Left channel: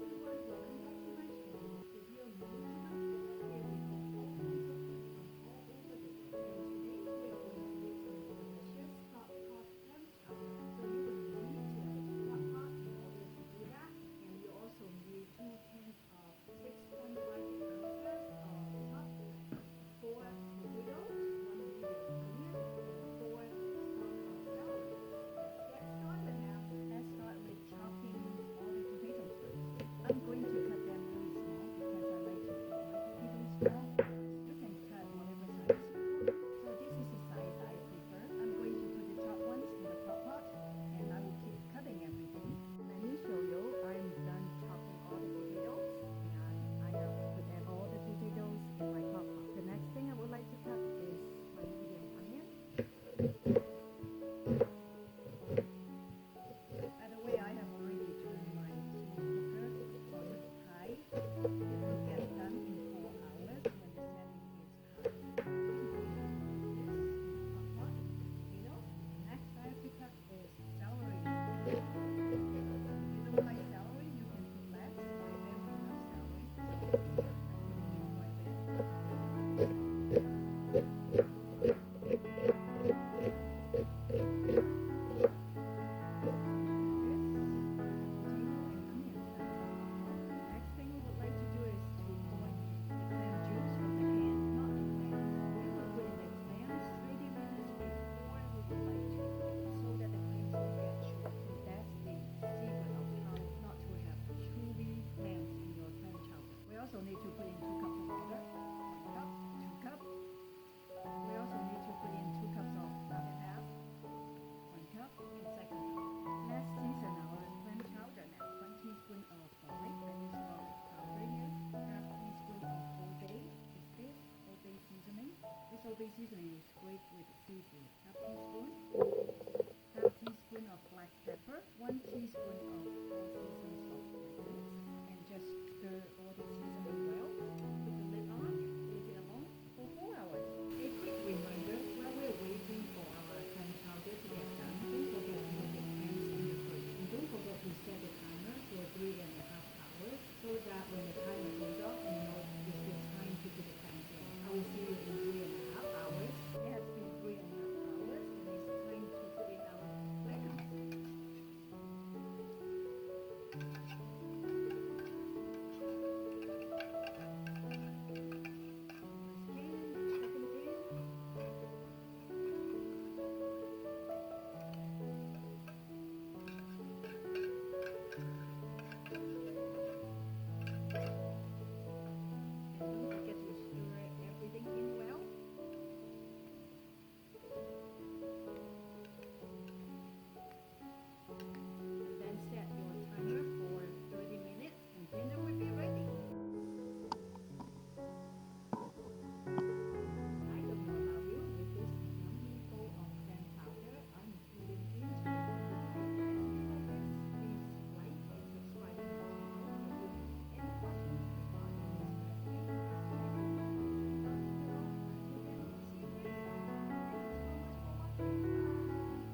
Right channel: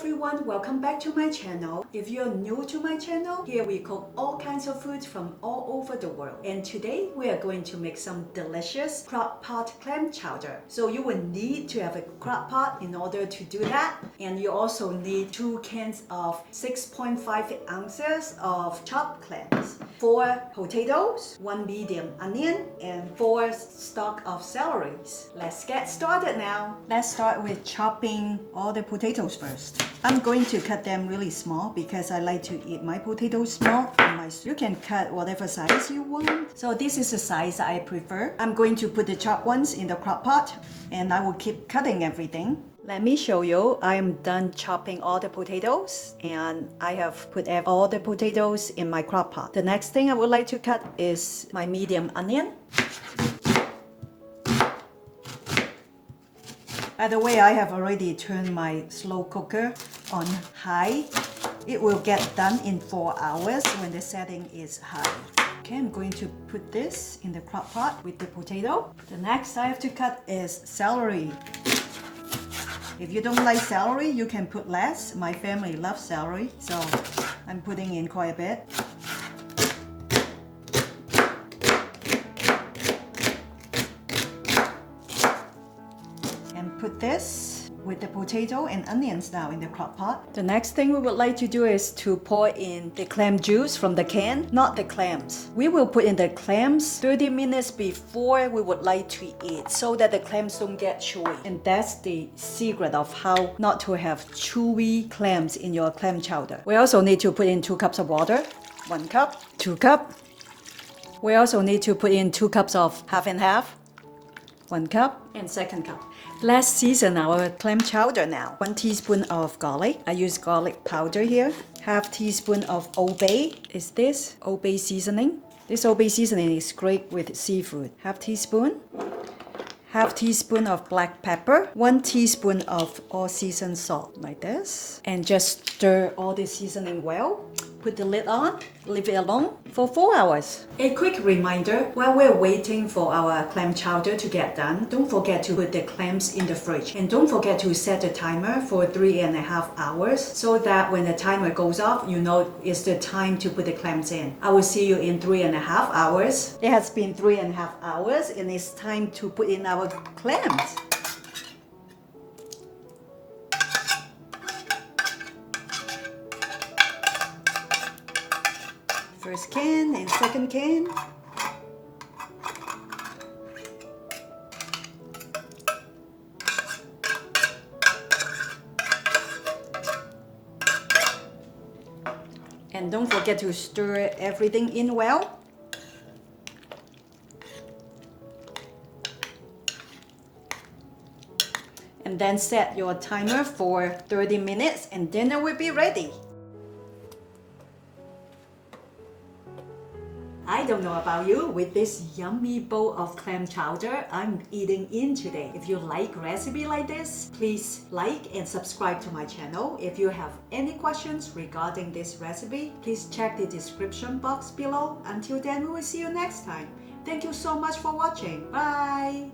everyone, welcome back to my channel. If you're new to my channel, here we cook all kinds of foods from all over the world. And today we are going to make some delicious crockpot clam chowder. So you will need to have a crockpot in order to do that. And you also need 2 cans of 6.5 ounces of chopped clams, 4 potatoes, 1 medium onion, and 4 stalks of celery. Let's get started now. Let's start with chopping all the potatoes first. I'm going to cut them really small because I like to eat my potatoes small. You can cut whatever size you want. So this is the size I prefer. I'm going to put the chopped ones in the crock pot and I will keep cutting everything. Let me show you. I am done chopping all the potatoes and I have put all the potatoes in my crock pot. The next thing I would like to cut is my medium onion. By the way, I have already turned my slow cooker on high. It will get done in 4 hours when the setting is high. Okay, I'm going to put this in the crock pot with the potato. The next I have to cut is celery. If you don't like celery, you can put less. My family loves celery, so I'm putting in quite a bit. This with the potato and onions now in the crock pot. The next thing we would like to do is to pour in the clam juice from the can, not the clams. We will put in the clams 30 minutes before we would like to eat so that the clams don't get chewy. And that's the secret of how not to have chewy clams in your clam chowder. We also need to put in 2 cups of water. 1 cup, 2 cup. We also need to put in 2 cups of half and half. 1 cup and 2nd cup. Let's season our clam chowder now. 1 teaspoon of garlic. I use garlic powder here. Half teaspoon of Old Bay. Is this Old Bay seasoning? This Old Bay seasoning is great with seafood. Half teaspoon. Half teaspoon of black pepper. 1 teaspoon of all-season salt, like this. And just stir all the seasoning well. Put the lid on, leave it alone for 4 hours. A quick reminder, while we're waiting for our clam chowder to get done, don't forget to put the clams in the fridge. And don't forget to set the timer for 3.5 hours so that when the timer goes off, you know it's the time to put the clams in. I will see you in 3.5 hours. It has been 3.5 hours and it's time to put in our clams. First can and 2nd can. And don't forget to stir everything in well. And then set your timer for 30 minutes and dinner will be ready. I don't know about you, with this yummy bowl of clam chowder, I'm eating in today. If you like recipe like this, please like and subscribe to my channel. If you have any questions regarding this recipe, please check the description box below. Until then, we will see you next time. Thank you so much for watching. Bye!